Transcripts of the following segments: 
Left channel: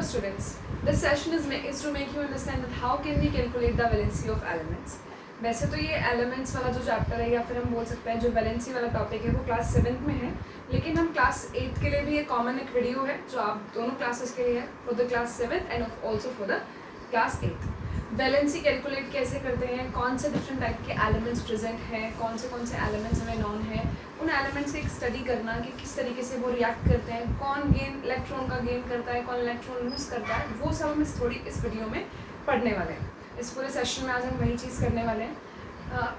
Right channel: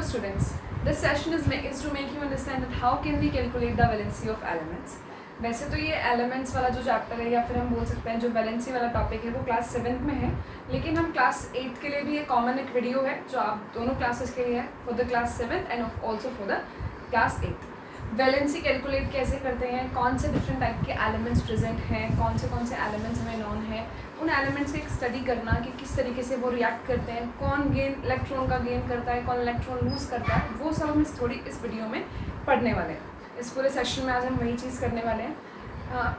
Hello students, this session is to make you understand that how can we calculate the valency of elements. वैसे तो ये elements वाला जो chapter है या फिर हम बोल सकते हैं जो वैलेंसी वाला टॉपिक है वो क्लास 7th में है, लेकिन हम क्लास 8th के लिए भी एक कॉमन एक वीडियो है जो आप दोनों क्लासेस के लिए है, for the class 7th and also for the class 8th. Valency calculate कैसे करते हैं, कौन से डिफरेंट टाइप के एलिमेंट्स प्रेजेंट हैं, कौन से एलिमेंट्स हमें नॉन है, उन एलिमेंट्स की एक स्टडी करना कि किस तरीके से वो रिएक्ट करते हैं, कौन गेन इलेक्ट्रॉन का गेन करता है, कौन इलेक्ट्रॉन लूज़ करता है, वो सब हम इस वीडियो में पढ़ने वाले हैं. इस पूरे सेशन में आज हम वही चीज़ करने वाले हैं.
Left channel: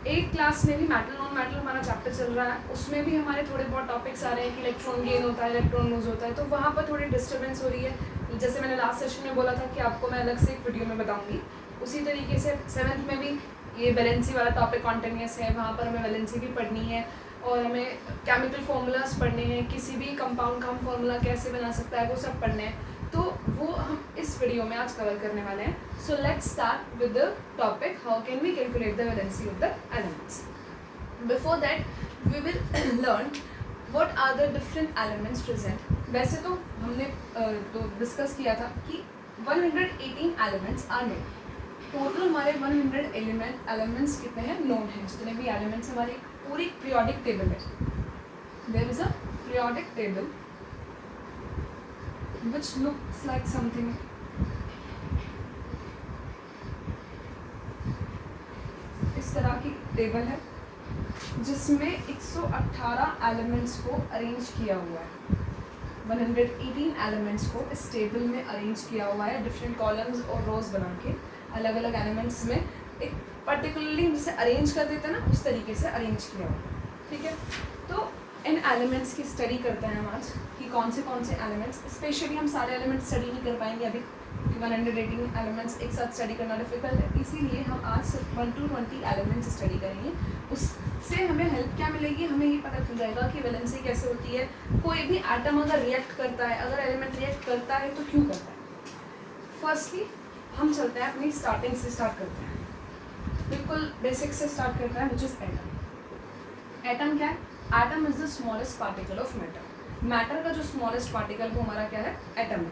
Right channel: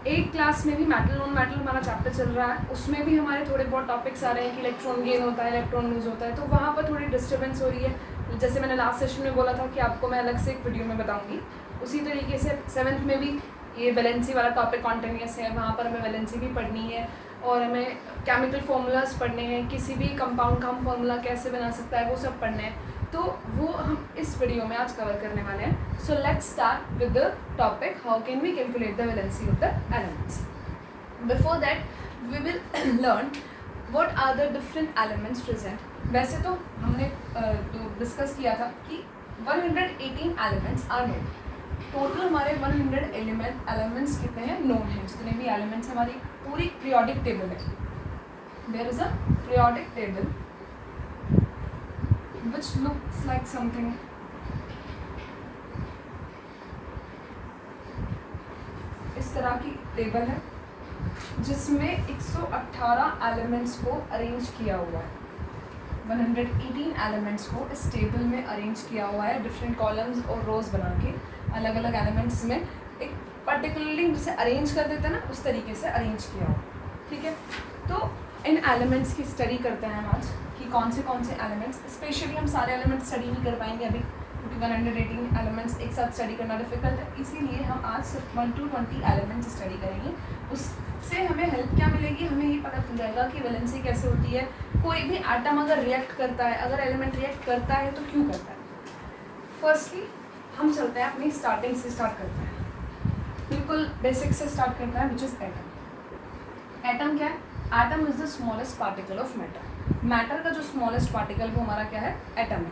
8th क्लास में भी मेटल नॉन मेटल हमारा चैप्टर चल रहा है, उसमें भी हमारे थोड़े बहुत टॉपिक्स आ रहे हैं कि इलेक्ट्रॉन गेन होता है, इलेक्ट्रॉन लूज होता है, तो वहाँ पर थोड़ी डिस्टर्बेंस हो रही है. जैसे मैंने लास्ट सेशन में बोला था कि आपको मैं अलग से एक वीडियो में बताऊँगी, उसी तरीके से 7th में भी ये वैलेंसी वाला टॉपिक कॉन्टिन्यूस है, वहाँ पर हमें वैलेंसी भी पढ़नी है और हमें केमिकल फार्मूलाज पढ़ने हैं, किसी भी कंपाउंड का हम फार्मूला कैसे बना सकता है वो सब पढ़ने हैं, तो वो हम इस वीडियो में आज कवर करने वाले हैं. So let's start with the topic how can we calculate the valency of the elements. Before that we will learn what are the different elements present. वैसे तो हमने तो डिस्कस किया था कि 118 एलिमेंट्स आर नोन. टोटल हमारे 100 elements कितने हैं, नोन हैं. जितने भी एलिमेंट्स हमारी पूरी पीरियोडिक टेबल है, there is a periodic table which looks like something. इस तरह की टेबल है जिसमें 118 एलिमेंट्स को अरेंज किया हुआ है. 118 एलिमेंट्स को इस टेबल में अरेंज किया हुआ है, डिफरेंट कॉलम्स और रोज बना के अलग अलग एलिमेंट्स में एक पर्टिकुलरली जैसे अरेंज कर देते हैं ना, उस तरीके से अरेंज किया हुआ. ठीक है, तो इन एलिमेंट्स की स्टडी करते हैं हम आज कि कौन से एलिमेंट्स. स्पेशली हम सारे एलिमेंट्स स्टडी नहीं कर पाएंगे अभी क्योंकि 118 एलिमेंट्स एक साथ स्टडी करना डिफिकल्ट है, इसीलिए हम आज सिर्फ 1 to 20 एलिमेंट्स स्टडी करेंगे. उससे हमें हेल्प क्या मिलेगी, हमें ये पता चल जाएगा कि वैलेंसी कैसे होती है. कोई भी एटम अगर रिएक्ट करता है, अगर एलिमेंट रिएक्ट करता है तो क्यों करता है. फर्स्टली हम चलते हैं अपनी स्टार्टिंग से, स्टार्ट करते हैं बिल्कुल बेसिक से स्टार्ट करता है, विच इज़ एटम. एटम क्या है? Atom is the smallest particle of matter. Matter का जो स्मॉलेस्ट पार्टिकल वो हमारा क्या है, एटम है.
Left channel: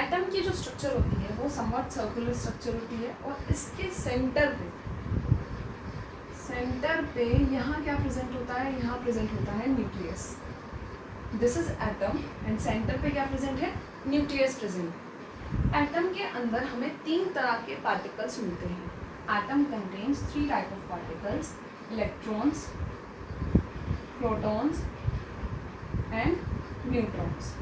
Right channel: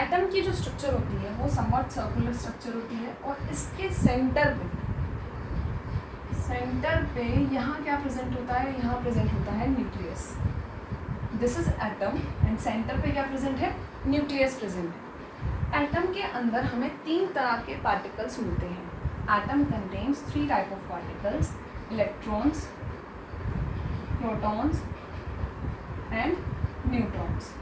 एटम की जो स्ट्रक्चर होती है वो समवट सर्कुलर स्ट्रक्चर होती है और इसके सेंटर पे यहाँ क्या प्रेजेंट होता है, यहाँ प्रेजेंट होता है nucleus. This is atom and centre पे क्या प्रेजेंट है, न्यूक्लियस प्रेजेंट है. एटम के अंदर हमें 3 तरह के पार्टिकल्स मिलते हैं. Atom contains 3 type of particles, electrons, protons and neutrons.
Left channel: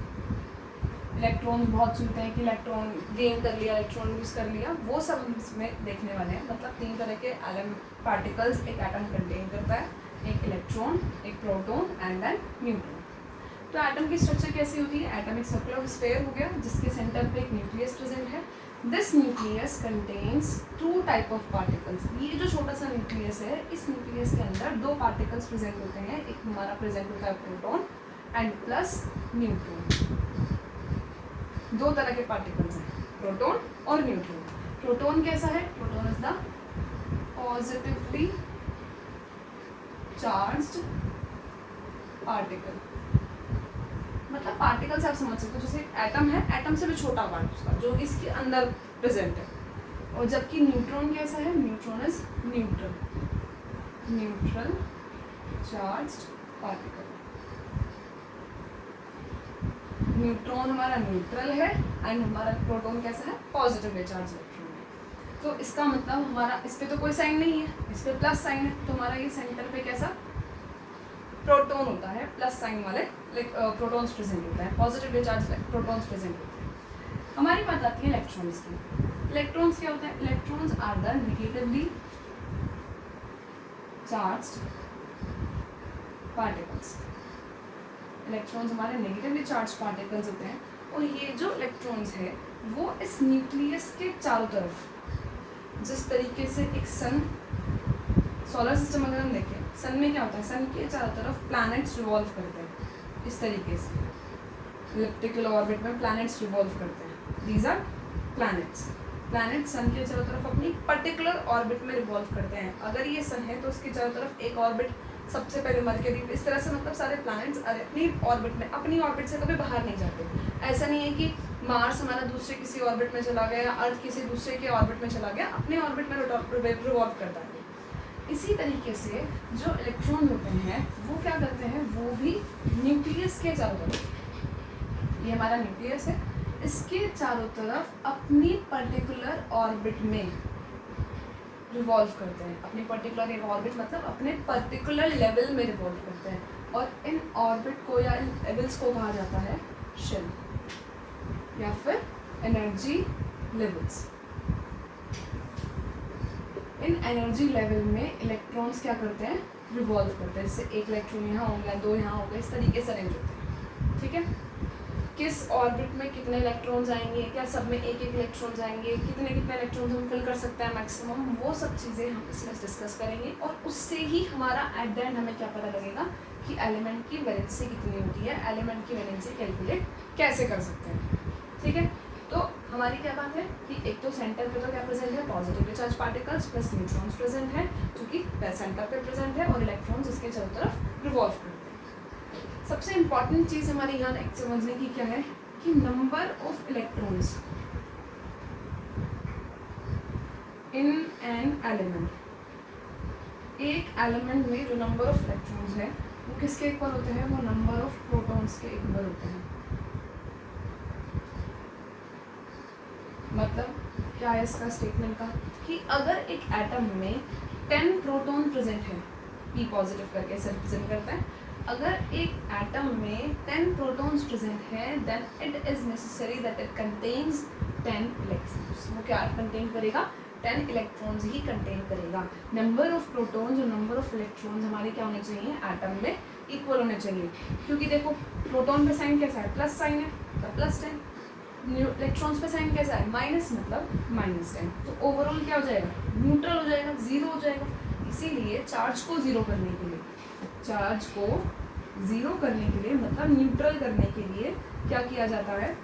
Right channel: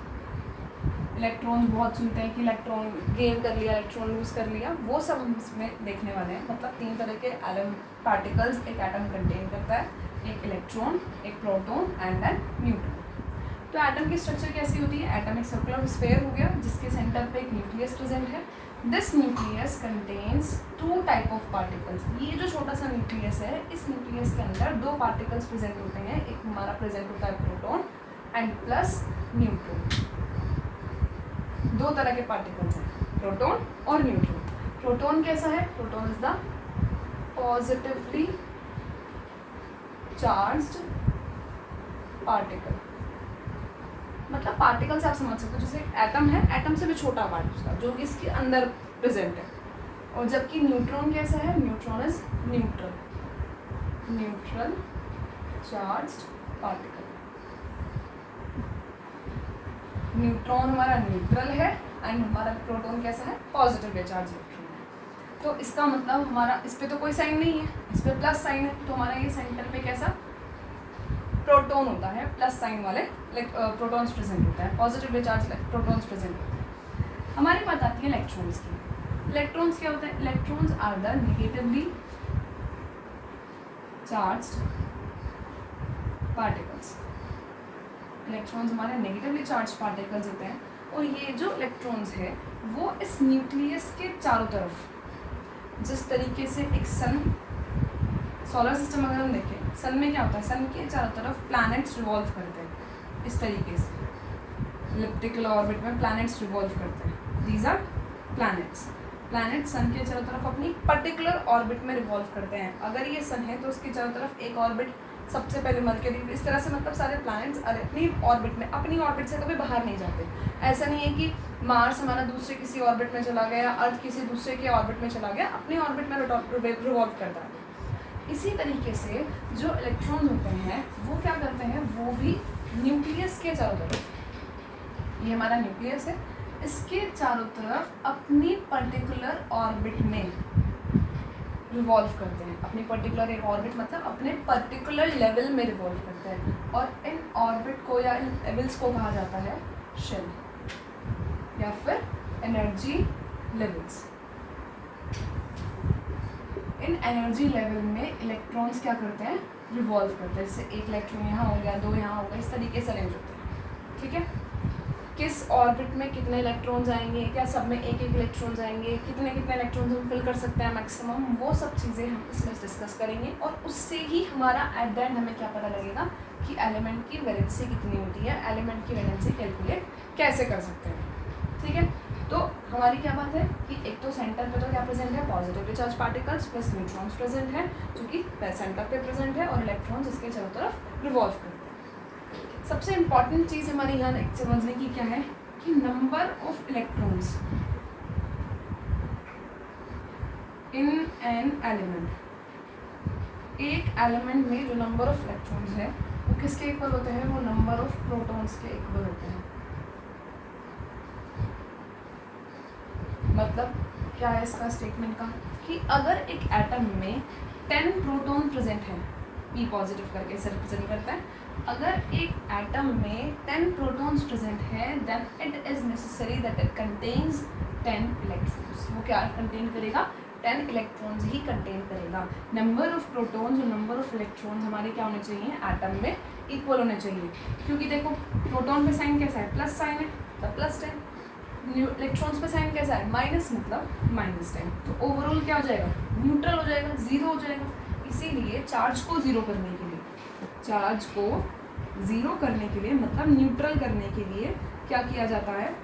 Electrons बहुत सुनते हैं कि इलेक्ट्रॉन गेन कर लिया, इलेक्ट्रॉन लूज कर लिया, वो सब हम इसमें देखने वाले हैं. मतलब 3 तरह के पार्टिकल्स एक एटम कंटेन करता है, एक इलेक्ट्रॉन, एक प्रोटॉन एंड एन न्यूट्रॉन. तो एटम की स्ट्रक्चर कैसी होती है, एटम एक सर्कुलर स्फीयर हो गया जिसके सेंटर पे एक न्यूक्लियस प्रेजेंट है. This nucleus contains 2 type of particles. ये जो छोटा सा न्यूक्लियस है, इस न्यूक्लियस के अंदर 2 पार्टिकल्स प्रेजेंट होते हैं. एक हमारा प्रेजेंट होता है प्रोटॉन एंड प्लस न्यूट्रॉन. 2 तरह के पार्टिकल्स हैं, प्रोटॉन और न्यूट्रॉन. प्रोटॉन कैसा है, proton is the positively charged particle. मतलब पार्टिकल से आप समझ सकते हो जैसे एटम है, एटम से भी छोटा पार्ट उसका जो कि इसके अंदर प्रेजेंट है. और जबकि न्यूट्रॉन कैसा है, neutron is neutral charged particle. Neutron हमारा न्यूट्रल है एंड हमारा प्रोटॉन कैसा है, पॉजिटिव चार्ज इलेक्ट्रॉन है. तो इसका मतलब हमारा इस पर तो कोई साइन नहीं है, इस पर प्लस साइन है, तो हमारा ये सेंटर पे कैसा प्रोटॉन होता है, प्लस साइन वाले प्रोटॉन्स प्रेजेंट होता है, पॉजिटिव चार्ज प्रोटॉन्स प्रेजेंट होते हैं. हमारी बात आती है इलेक्ट्रॉन्स की. इलेक्ट्रॉन्स क्या होते हैं, electrons are the negatively charged particles. Electrons हमारे नेगेटिवली चार्ज पार्टिकल्स होते हैं और ये जो इलेक्ट्रॉन्स है वो इस न्यूक्लियस के चारों तरफ, जिस तरीके से एक सन, सोलर सिस्टम अगर हम देखें, सन में क्या होता है, सन के चारों तरफ प्लैनेट्स रिवॉल्व करते हैं. इस तरीके से इलिप्टिकल ऑर्बिट में प्लैनेट्स रिवॉल्व करते हैं. These are planets. Planet sun के चारों तरफ अपनी पर्टिकुलर ऑर्बिट में रिवॉल्व करते हैं. अगर ये सन है तो उसके चारों तरफ एक ऑर्बिट सबसे पहले मरकरी, इस तरह से मतलब सारे प्लैनेट्स अपनी ऑर्बिट में, अपनी ऑर्बिट से कभी बाहर नहीं जाते। ऐसा नहीं है कि मार्स हमारा दूसरे किसी ऑर्बिट में चला गया, अर्थ किसी दूसरे के ऑर्बिट में चला गया, अपने ऑर्बिट में रिवॉल्व करता है। इसी तरीके से जो इलेक्ट्रॉन होते हैं वो क्या करते हैं, वो भी न्यूक्लियस के चारों तरफ, ये हमारा न्यूक्लियस है, इसके चारों तरफ अपनी पर्टिकुलर ऑर्बिट में रिवॉल्व करते हैं। अपनी पर्टिकुलर एक ऑर्बिट मतलब अपने पर्टिकुलर लेवल में रिवॉल्व करते हैं, और इन ऑर्बिट को या इन लेवल्स को कहा जाता है शेल या फिर एनर्जी लेवल्स। इन एनर्जी लेवल में इलेक्ट्रॉन्स क्या करते हैं, रिवॉल्व करते हैं। जैसे एक इलेक्ट्रॉन यहाँ हो गया, दो यहाँ हो गए, इस तरीके से अरेंज होते हैं। ठीक है, किस ऑर्बिट में कितने इलेक्ट्रॉन्स आएंगे, क्या सब में एक एक इलेक्ट्रॉन्स आएंगे, कितने कितने इलेक्ट्रॉन्स हम फिल कर सकते हैं मैक्सिमम, वो सब चीज़ें हम इसमें डिस्कस करेंगे। और उससे ही हमारा एट द एंड हमें क्या पता लगेगा कि एलिमेंट की वैलेंसी कितनी होती है, एलिमेंट की वैलेंसी कैलकुलेट कैसे कर सकते हैं। ठीक है, तो हमारी क्या बात है कि एक तो सेंटर पे तो क्या प्रेजेंट है, positively charge particles plus neutrons present है, जो कि सेंटर पे प्रेजेंट है, और इलेक्ट्रॉन्स इसके चारों तरफ रिवॉल्व करते हैं। सबसे इम्पॉर्टेंट चीज़ हमारे यहाँ समझने की क्या है कि number of electrons in an element, एक एलिमेंट में जो नंबर ऑफ इलेक्ट्रॉन्स है वो किसके इक्वल होते हैं, वो नंबर ऑफ प्रोटॉन्स के इक्वल होते हैं। मतलब क्या है इसका स्टेटमेंट का कि अगर एक एटम में 10 प्रोटॉन प्रेजेंट है, पी पॉजिटिव करके इसे रिप्रेजेंट करता है, अगर एक एटम में 10 प्रोटॉन्स प्रेजेंट है then it is necessary that it contains 10 electrons. वो क्या कंटेन करेगा, 10 इलेक्ट्रॉन्स ही कंटेन करेगा। नंबर ऑफ प्रोटॉन्स और नंबर ऑफ इलेक्ट्रॉन्स हमारे क्या होने चाहिए, एटम में इक्वल होने चाहिए। क्योंकि देखो प्रोटॉन पे साइन कैसा है, प्लस साइन है, तो प्लस 10, इलेक्ट्रॉन्स पे साइन कैसा है, माइनस, मतलब -10। तो ओवरऑल क्या हो जाएगा, न्यूट्रल हो जाएगा, जीरो हो जाएगा। इसीलिए चार्ज को जीरो करने के लिए, चार्ज को जीरो करने के लिए मतलब न्यूट्रल करने के लिए क्या किया जाता है,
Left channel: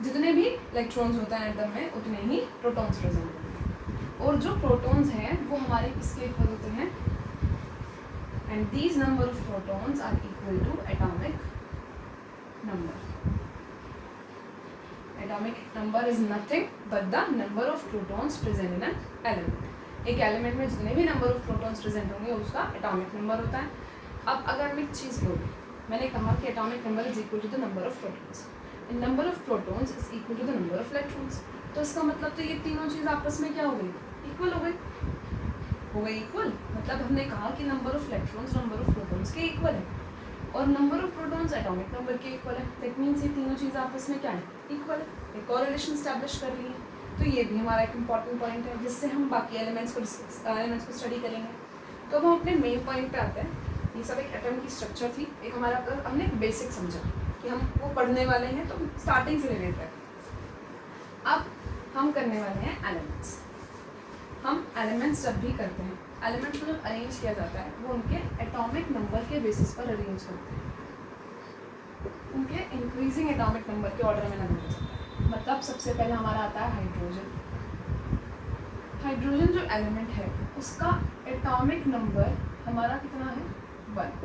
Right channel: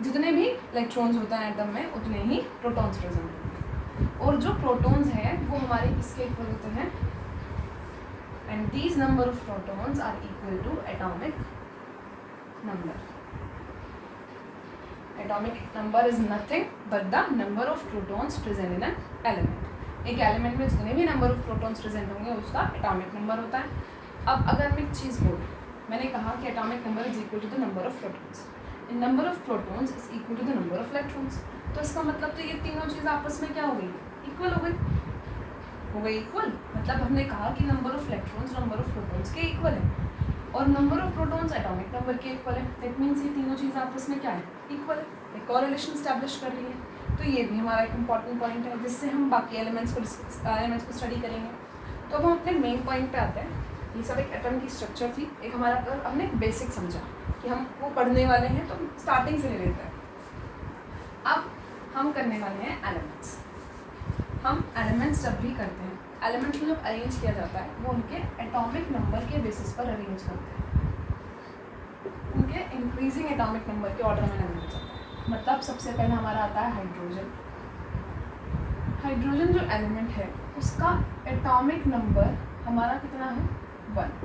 जितने भी इलेक्ट्रॉन्स होते हैं एटम में उतने ही प्रोटॉन्स प्रेजेंट होते हैं। और जो प्रोटॉन्स हैं वो हमारे किसके इक्वल होते हैं, and these number of protons are equal to atomic number. Atomic number is nothing but the number of protons present in an element. एक एलिमेंट में जितने भी नंबर ऑफ प्रोटॉन्स प्रेजेंट होंगे उसका एटॉमिक नंबर होता है। अब अगर मैं एक चीज़ बोलूँ, मैंने कहा कि atomic number is equal to the number of protons, number of protons is equal to the number of electrons. तो इसका मतलब तो ये तीनों चीज़ आपस में क्या हो गई, इक्वल हो गई इक्वल। मतलब हमने कहा कि number of electrons number of protons के इक्वल है और number of protons atomic number के इक्वल है। दैट मीन्स ये तीनों चीज़ आपस में क्या है, इक्वल है, एक कोरिलेशन स्टैब्लिश कर रही है। तो ये भी हमारा एक इंपॉर्टेंट पॉइंट है जिससे हम बाकी एलिमेंट्स को स्टडी करेंगे। तो हम अपने मेन पॉइंट पे आते हैं। ये सब एक एटम की स्ट्रक्चर थी, एक हमारा हमने बेसिक समझा कि हम वो पढ़ने वाले हैं, तो स्टार्टिंग से ले लेते हैं। अब हम करने वाले हैं एलिमेंट्स। हम एलिमेंट्स जब भी करते हैं, एलिमेंट्स को जब अरेंज किया जाता है वो उनके एटॉमिक नंबर के बेसिस पर अरेंज करते हैं, उनके इंक्रीजिंग एटॉमिक नंबर के ऑर्डर में अरेंज होता है। मतलब सबसे पहले हमारा आता है हाइड्रोजन। हाइड्रोजन जो एलिमेंट है उसका एटॉमिक नंबर हमारा कितना है, 1।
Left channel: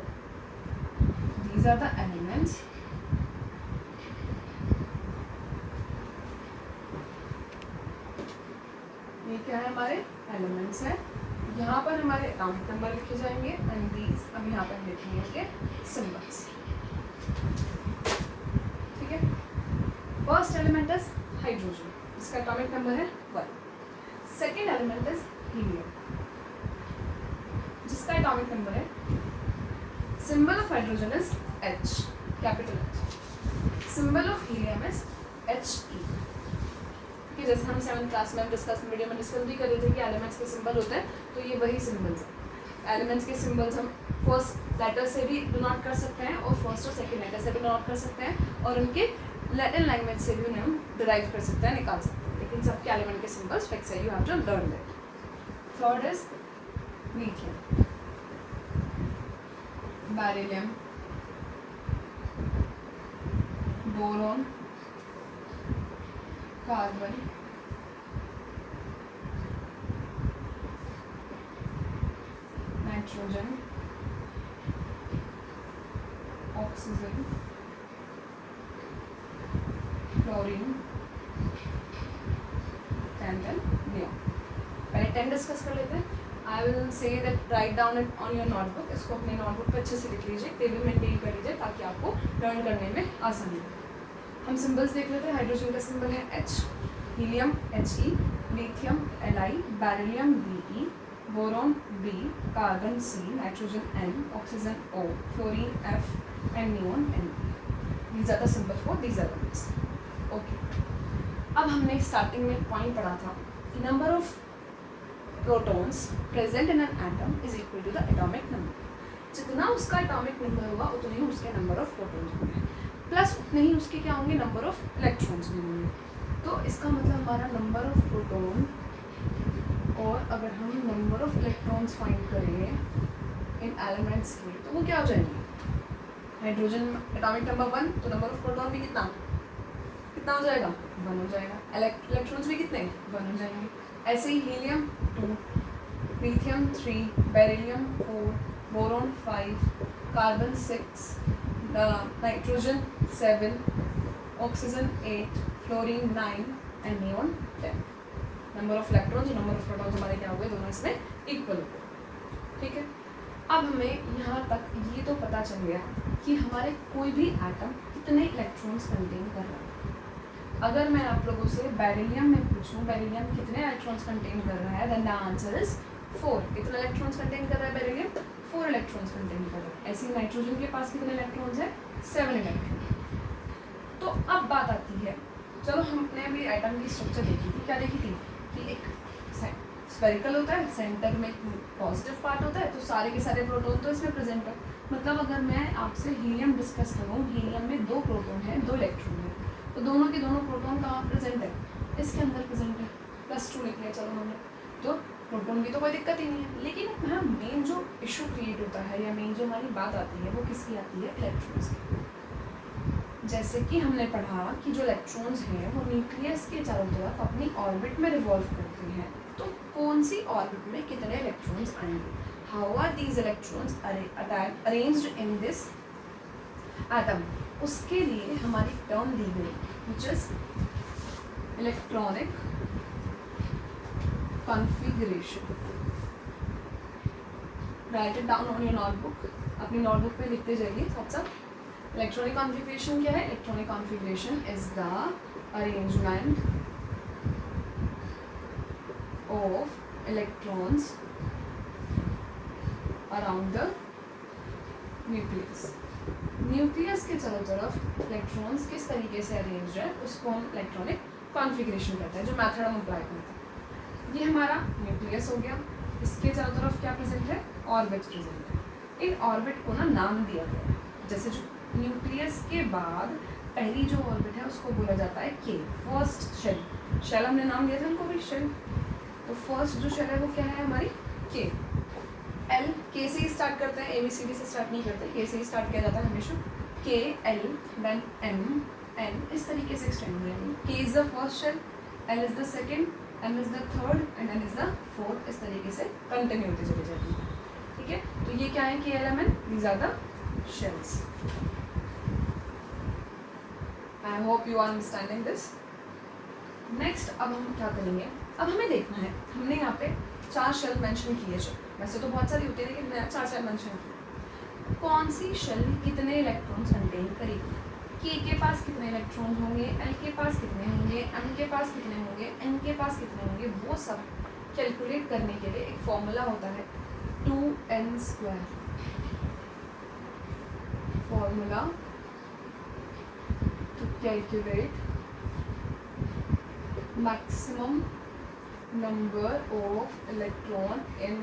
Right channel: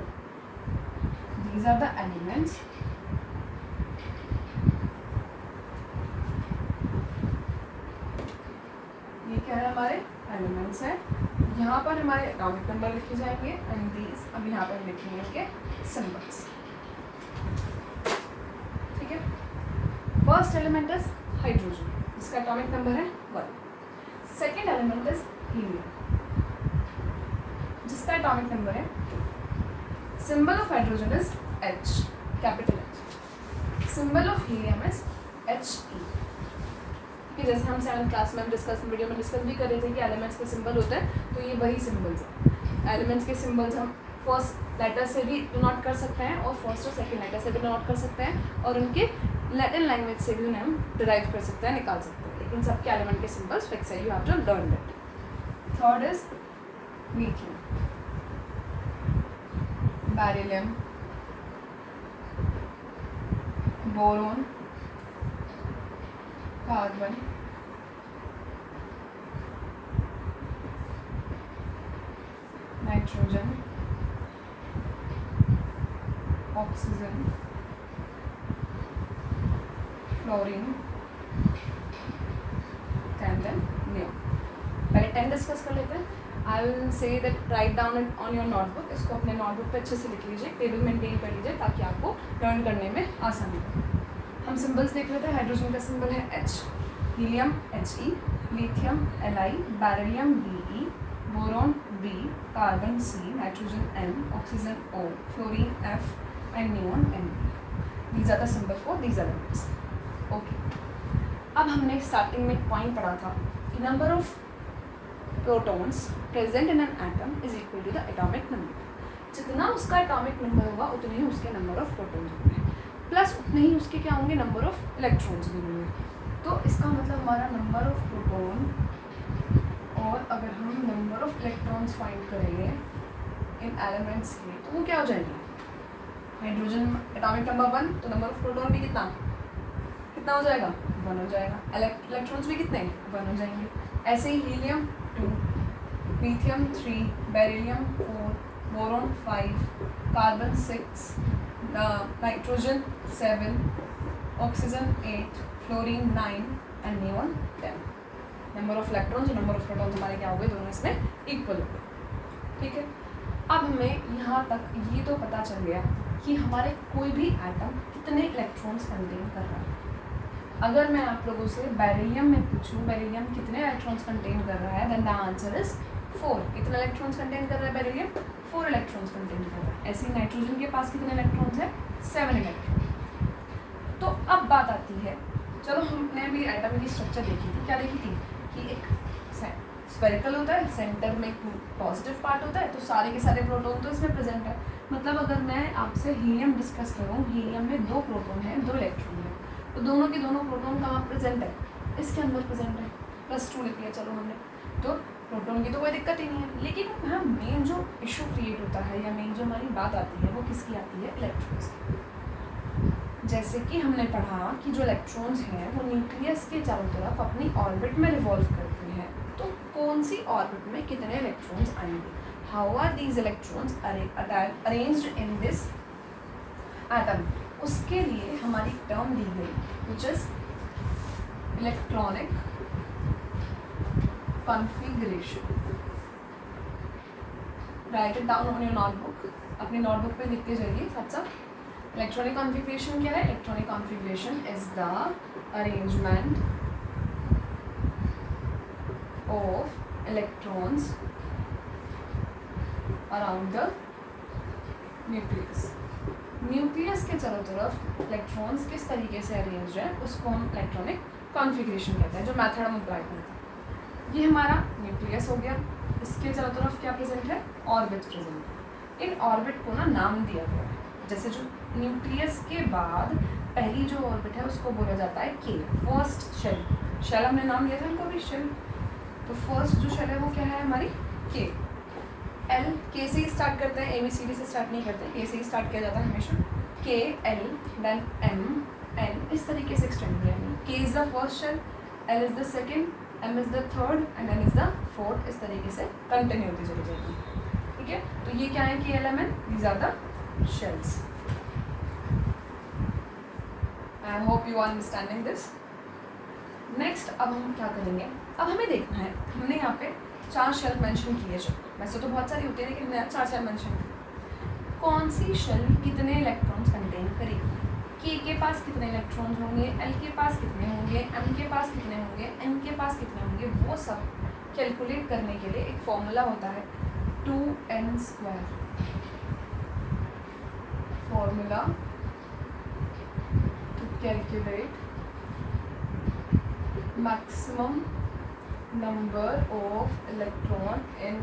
दीज आर द एलिमेंट्स ये क्या है, हमारे एलिमेंट्स है। यहाँ पर हमारे एटॉमिक नंबर लिखे जाएंगे एंड दीज अब यहाँ पर लिखेंगे इनके सिंबल्स। ठीक है, फर्स्ट एलिमेंट इज हाइड्रोजन, इसका एटॉमिक नंबर है 1। सेकेंड एलिमेंट इज हीलियम, जिसका एटॉमिक नंबर है, symbol of hydrogen is H, capital H। Symbol of helium is He। कि जैसे हम 7th क्लास में वीडियो में डिस्कस भी कर रहे थे कि एलिमेंट्स के सिंबल होते हैं, तो ये वही सिंबल्स हैं। एलिमेंट्स के सिंबल्स हम फर्स्ट लेटर से भी डिनोट कर सकते हैं और फर्स्ट और सेकंड लेटर से भी डिनोट कर सकते हैं और उनके लैटिन लैंग्वेज से भी उन्हें हम डिराइव कर सकते हैं, निकाल सकते हैं। लेकिन सबके एलिमेंट के सिंबल्स फिक्स है, you have to learn that. Third is lithium, beryllium, boron, carbon, nitrogen, oxygen, fluorine, 10 then neon. पहले 10 डिस्कस कर लेते हैं। I will say that write down it on your notebook. इसको अपने नोटबुक पे अच्छे से लिख लीजिए, टेबल मेंटेन कर लीजिए ताकि आपको लर्न करने में आसानी हो। हम सिंबल्स देख रहे थे। हाइड्रोजन का सिंबल है H, helium He, lithium Li, beryllium Be, boron B, carbon C, nitrogen N, oxygen O, fluorine F and neon N। These are the symbol for these elements. Okay. अब हमने starting में एक point पढ़ा था कि number of protons present in an atom is equal to the atomic number. जितना उसका atomic number होगा उतने ही उसके नंबर ऑफ प्रोटॉन्स होंगे, प्लस उतने ही उसके क्या होंगे, नंबर ऑफ इलेक्ट्रॉन्स भी होंगे। तो इसका मतलब हमारा नंबर ऑफ प्रोटॉन, और अगर हम नंबर ऑफ इलेक्ट्रॉन्स फाइंड करेंगे इन एलिमेंट्स के तो वो क्या हो जाएंगे। हाइड्रोजन एटॉमिक नंबर 1, तो नंबर ऑफ प्रोटॉन भी कितना हो जाएगा, 1 हो जाएगा। इलेक्ट्रॉन्स भी कितने, 1 हो जाएंगे। ऐसे ही helium 2, lithium 3, beryllium 4, boron 5, carbon 6, nitrogen 7, oxygen 8, fluorine 9 and neon 10। Number of electrons और नंबर ऑफ प्रोटॉन्स हमारे क्या हुए, दोनों इसमें इक्वल हुए। ठीक है। अब हमें यहाँ तक ये तो पता चल गया कि हमारे कोई भी एटम कितने इलेक्ट्रॉन्स कंटेन कर रहा है। अगर मैं आप लोगों से बेरिलियम में पूछूं बेरिलियम कितने इलेक्ट्रॉन्स कंटेन कर रहा है, देन द आंसर इज 4। कितने इलेक्ट्रॉन्स कंटेन कर रहा है बेरिलियम, 4 इलेक्ट्रॉन्स कंटेन कर रहा है। ऐसे ही नाइट्रोजन के पास कितने इलेक्ट्रॉन्स है, 7 इलेक्ट्रॉन। तो अब बात आती है, चलो हमने अभी एटम की स्ट्रक्चर देखी थी। क्या देखी थी कि एक स्फेरिकल होता है, सेंटर में एक पॉजिटिव पार्ट होता है, तो सारे के सारे प्रोटॉन तो इसमें प्रेजेंट है। मतलब अगर मैं आपसे हीलियम डिस्कस करूँ, हीलियम में 2 प्रोटॉन है, 2 इलेक्ट्रॉन है, तो दोनों के दोनों प्रोटॉन कहाँ प्रेजेंट है, इसके अंदर प्रेजेंट है। +2 लिख लिया चलो हमने, तो प्रोटॉन की तो कोई दिक्कत ही नहीं है। लेकिन हाँ, मेन जो इशू क्रिएट होता है या मेन जो हमारी बात आती है वो किसकी आती है, इलेक्ट्रॉन्स की। जैसे कि हमने पढ़ा कि जो इलेक्ट्रॉन्स हैं वो न्यूक्लियस के चारों तरफ अपनी ऑर्बिट में रिवॉल्व करते हैं। तो कौन सी ऑर्बिट में कितने इलेक्ट्रॉन्स आएंगे, how are these electrons arranged in this atom, उसके लिए हमारी टर्म दी गई which is electronic configuration. Write it down on your notebook, अपनी नोटबुक पे लिखते जाइए साथ साथ। इलेक्ट्रॉनिक कॉन्फ़िगरेशन क्या है, electronic configuration is the arrangement of electrons around the nucleus. Nucleus के चारों तरफ इलेक्ट्रॉन्स किस तरीके से अरेंज है उसको हम इलेक्ट्रॉनिक कॉन्फ़िगरेशन कहते हैं, जो मेथड हम अप्लाई करते हैं। ये हमारा न्यूक्लियस हो गया, इसके चारों तरफ क्या प्रेजेंट है, ऑर्बिट प्रेजेंट है। इन ऑर्बिट को ना नाम दिया गया है, जैसे जो न्यूक्लियस के बाद पहली जो ऑर्बिट है उसको बोला जाता है के, फर्स्ट शेल। शेल हमने नाम दिया था इनको भी, शेल। तो फर्स्ट जो शेल है वो क्या है हमारी, के। एल, के से ही स्टार्ट करते हैं, ABCD से स्टार्ट नहीं करते, के से ही स्टार्ट किया जाता है हमेशा। के, एल, देन एम, एन, इस तरीके से एक्सटेंड हो जाएंगे। K is the first shell, L is the second, M is the third and N is the fourth. इस तरीके से कंटिन्यू होती चली जाती है। ठीक है, तो ये क्या है कि element, these are the shells. I hope you are understanding this. Next अब हम क्या करेंगे, अब हमें देखना है, हमने यहाँ पे 4 शेल मेंशन किए, जो वैसे तो बहुत सारी होती है लेकिन मैं 4 शेल मेंशन की। कौन सी शेल कितने इलेक्ट्रॉन्स कंटेन करेगी, के पास कितने इलेक्ट्रॉन्स होंगे, एल के पास कितने होंगे, एम के पास कितने होंगे, एन के पास कितने होंगे, वो सब कैलकुलेट करने के लिए एक फॉर्मूला होता है 2n²। Formula to calculate maximum number of electron in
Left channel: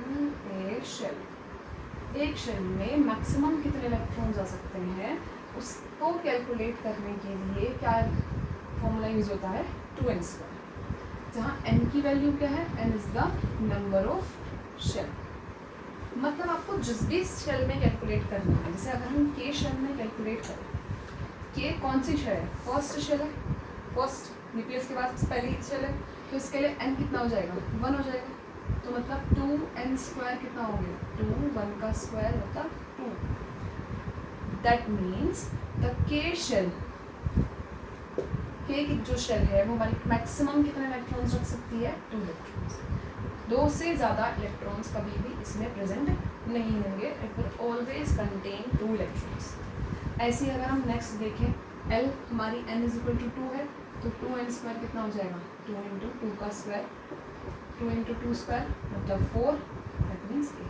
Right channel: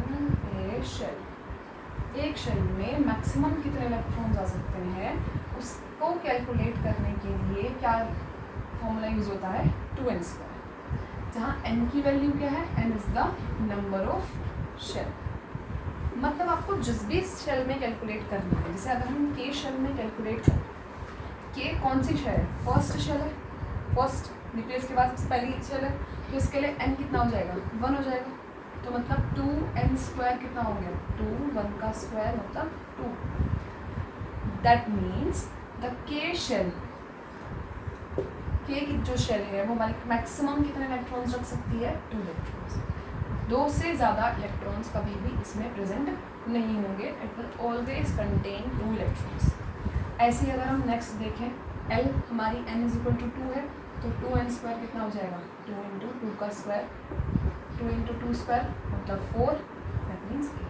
a shell. एक शेल में मैक्सिमम कितने इलेक्ट्रॉन्स आ सकते हैं उसको कैलकुलेट करने के लिए क्या फॉर्मूला यूज़ होता है, 2n², जहाँ n की वैल्यू क्या है, n is the number of shell. मतलब आपको जिस भी शेल में कैलकुलेट करना है, जैसे अगर हम के शेल में कैलकुलेट करें, के कौन सी शेल है, फर्स्ट शेल है, फर्स्ट न्यूक्लियस के बाद पहली शेल है, तो इसके लिए n कितना हो जाएगा, 1 हो जाएगा। तो मतलब 2n² कितना हो गया, 2, 1 का स्क्वायर मतलब 2। दैट मीन्स द के शेल, के की जो शेल है वो हमारी मैक्सिमम कितने इलेक्ट्रॉन्स रख सकती है? 2 इलेक्ट्रॉन्स। 2 से ज़्यादा इलेक्ट्रॉन्स कभी भी इसमें प्रेजेंट नहीं होंगे। It will always contain 2 electrons. ऐसे ही अगर हम नेक्स्ट देखें, L हमारी n इज इक्वल टू 2 है, तो 2n स्क्वायर कितना हो जाएगा? 2 इंटू 2 का स्क्वायर, 2 इंटू 2 स्क्वायर मतलब 4, that means 8।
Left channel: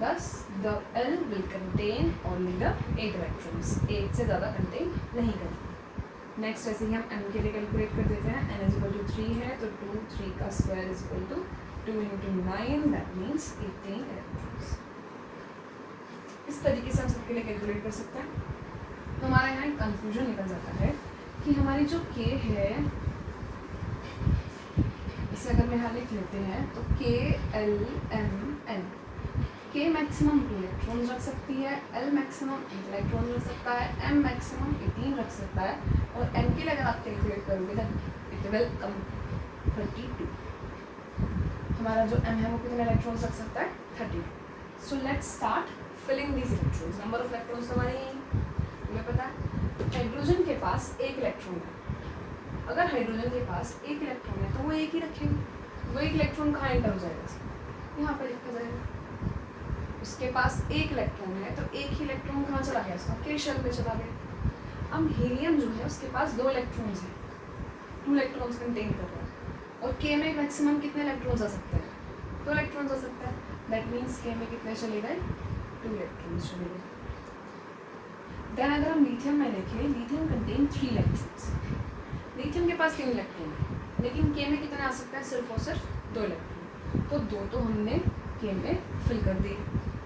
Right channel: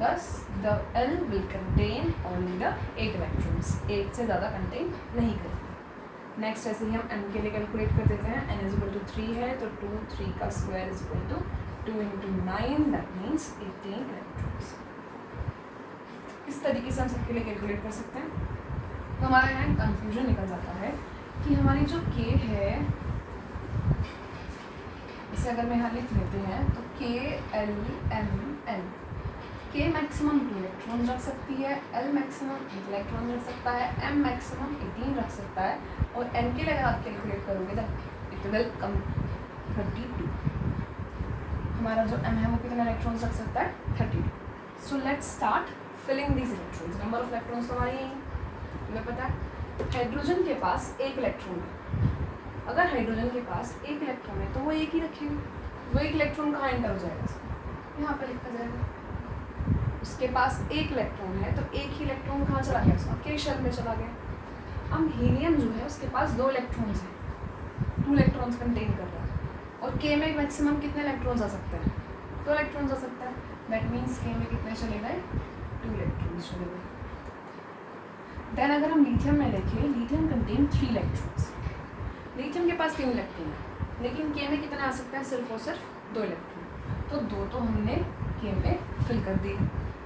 Thus the L will contain only the 8 electrons, 8 से ज़्यादा कंटेन नहीं करती। नेक्स्ट ऐसे ही हम m के लिए कैलकुलेट कर देते हैं। n इज इक्वल टू 3 है, तो 2 3 का square is equal to 2 into 9, that means 18 electrons. इस तरीके से हम सबके लिए कैलकुलेट कर सकते हैं। तो हमारा यहाँ एक कन्फ्यूजन निकल जाता है कि हमारी जो k है, इसे अगर मैं यहाँ लिख लेते हैं तो k L m n, k maximum 2 electron रख सकती है, L मैक्सिमम 8 इलेक्ट्रॉन रख सकता है, m मैक्सिमम 18 रख सकता है, और n के लिए अगर आप कैलकुलेट करोगे तो इट विल कम 32। हमारा जो m है वो कितने इलेक्ट्रॉन्स रख सकता है? 32। So let's start filling these electrons. Number of electrons हमारे हमें पता है। हाइड्रोजन के पास 1 इलेक्ट्रॉन है। अगर हाइड्रोजन के पास 1 इलेक्ट्रॉन है तो वो एक ही रखेंगे। वो 1 इलेक्ट्रॉन कहाँ एंटर हो जाएगा? इसमें यहाँ पर लिखा जाएगा। उसके पास 1 इलेक्ट्रॉन है तो एक ही इलेक्ट्रॉन कहाँ चला गया? उसका के शेल में चला गया। अब हीलियम जो है उसके पास 2 इलेक्ट्रॉन्स हैं, 2 इलेक्ट्रॉन्स कंटेन कर रहा है, और के में मैक्सिमम कितने इलेक्ट्रॉन्स आ सकते हैं? 2 इलेक्ट्रॉन्स आ सकता है। दैट मीन्स के में कितने चले गए? 2 इलेक्ट्रॉन्स चले गए। देन अगर हम लिथियम में देखें, लिथियम कंटेन 3 इलेक्ट्रॉन्स। लिथियम के पास 3 इलेक्ट्रॉन है, लेकिन के में कितना आ सकता है? सिर्फ और सिर्फ 2 इलेक्ट्रॉन। तो 2 तो हमने के में फिल कर दिए,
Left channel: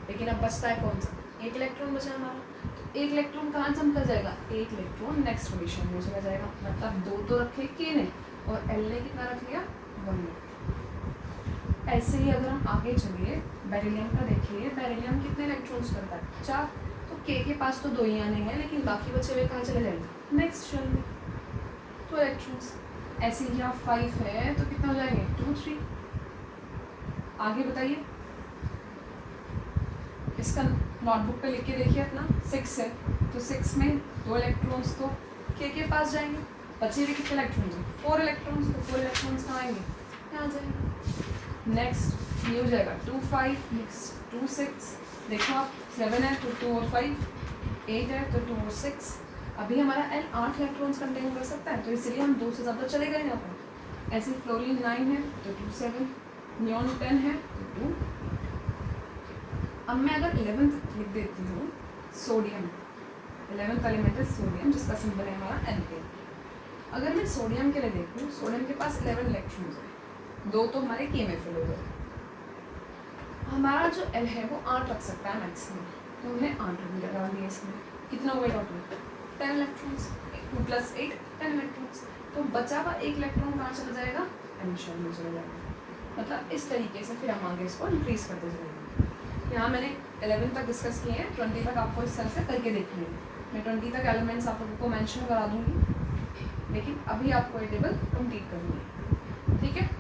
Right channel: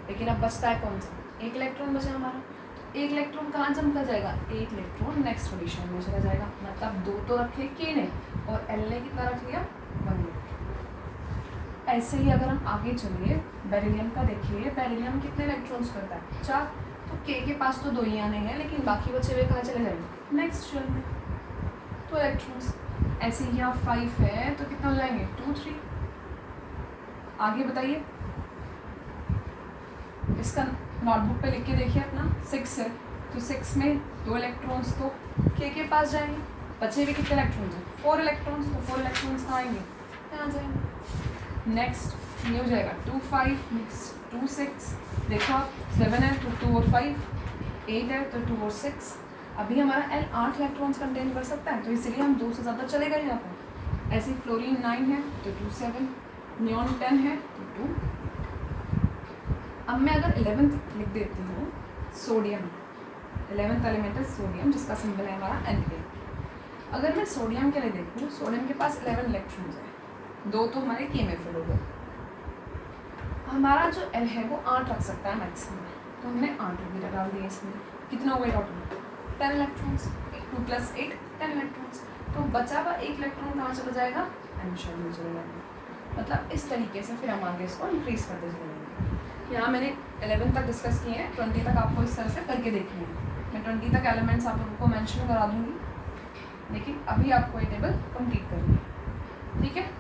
लेकिन अब बचता है कौन सा? 1 इलेक्ट्रॉन बचा हमारा। 1 इलेक्ट्रॉन कहाँ जम कर जाएगा? 1 इलेक्ट्रॉन नेक्स्ट पोजीशन में चला जाएगा। मतलब 2 तो रखे के ने, और एल ने कितना रख लिया? 1 इलेक्ट्रॉन। ऐसे ही अगर हम आगे चलिए, बेरिलियम का देखिए, बेरिलियम कितने इलेक्ट्रॉन्स करता है? 4। तो के पास तो 2 ही आने हैं, लेकिन बाकी बचे हुए कहाँ चले जाएंगे? नेक्स्ट शेल में। 2 इलेक्ट्रॉन्स। ऐसे ही यहाँ 5 है तो कितना हो जाएंगे? 2 3। आगे बताइए, इसका नोटबुक पे लिख के देखिए अपना। 6 है तो 6 में 2 इलेक्ट्रॉन्स तो के पास जाएंगे। बचे हुए कितने इलेक्ट्रॉन्स हैं? 4 इलेक्ट्रॉन्स। तो 4 इलेक्ट्रॉन्स कहाँ आएंगे? यहाँ जाएंगे। नेक्स्ट ये हो जाएगा 2 5, नेक्स्ट 2 6। देखो आप, 7 है तो 2 और 5, 8 है तो 2 और 6। अभी हमारा L 8 इलेक्ट्रॉन्स कंटेन कर सकता है, तो इसीलिए हम 2 से ज़्यादा चले गए यहाँ पर। ऐसे ही फ्लोरीन 9 है तो 2 7, नियॉन 10 है तो 2। अब मैं अगर 11th लिख देती हूँ, सोडियम, 11th एलिमेंट है सोडियम, जिसका सिंबल है हमारा Na। अगर मैं सोडियम के लिए देखूँ, सोडियम के पास 11 इलेक्ट्रॉन्स हैं, 2 तो हमारे के में फिल हो गए। हमारा जो L है वो 8 रख सकता है मैक्सिमम, तो हमने 8 भी लगा दिए इसमें। कितना हो गया टोटल? 10 इलेक्ट्रॉन्स। 2 + 8 10 इलेक्ट्रॉन्स। तो बचा हुआ 1 इलेक्ट्रॉन कहाँ चला जाएगा? N शेल में चला जाएगा। मतलब इस तरीके से फिर हम आगे इसको इंक्रीज करते जाएंगे। यहाँ मैंने 11 तक डिस्कस किए हैं, 20 तक आपको इस तरह से करके देखनी है। मैं 20 तक एलिमेंट्स आप लोगों को मेंशन करा दूँगी, लेकिन अभी आपको ये टेबल कंप्लीट करनी है, ठीक है?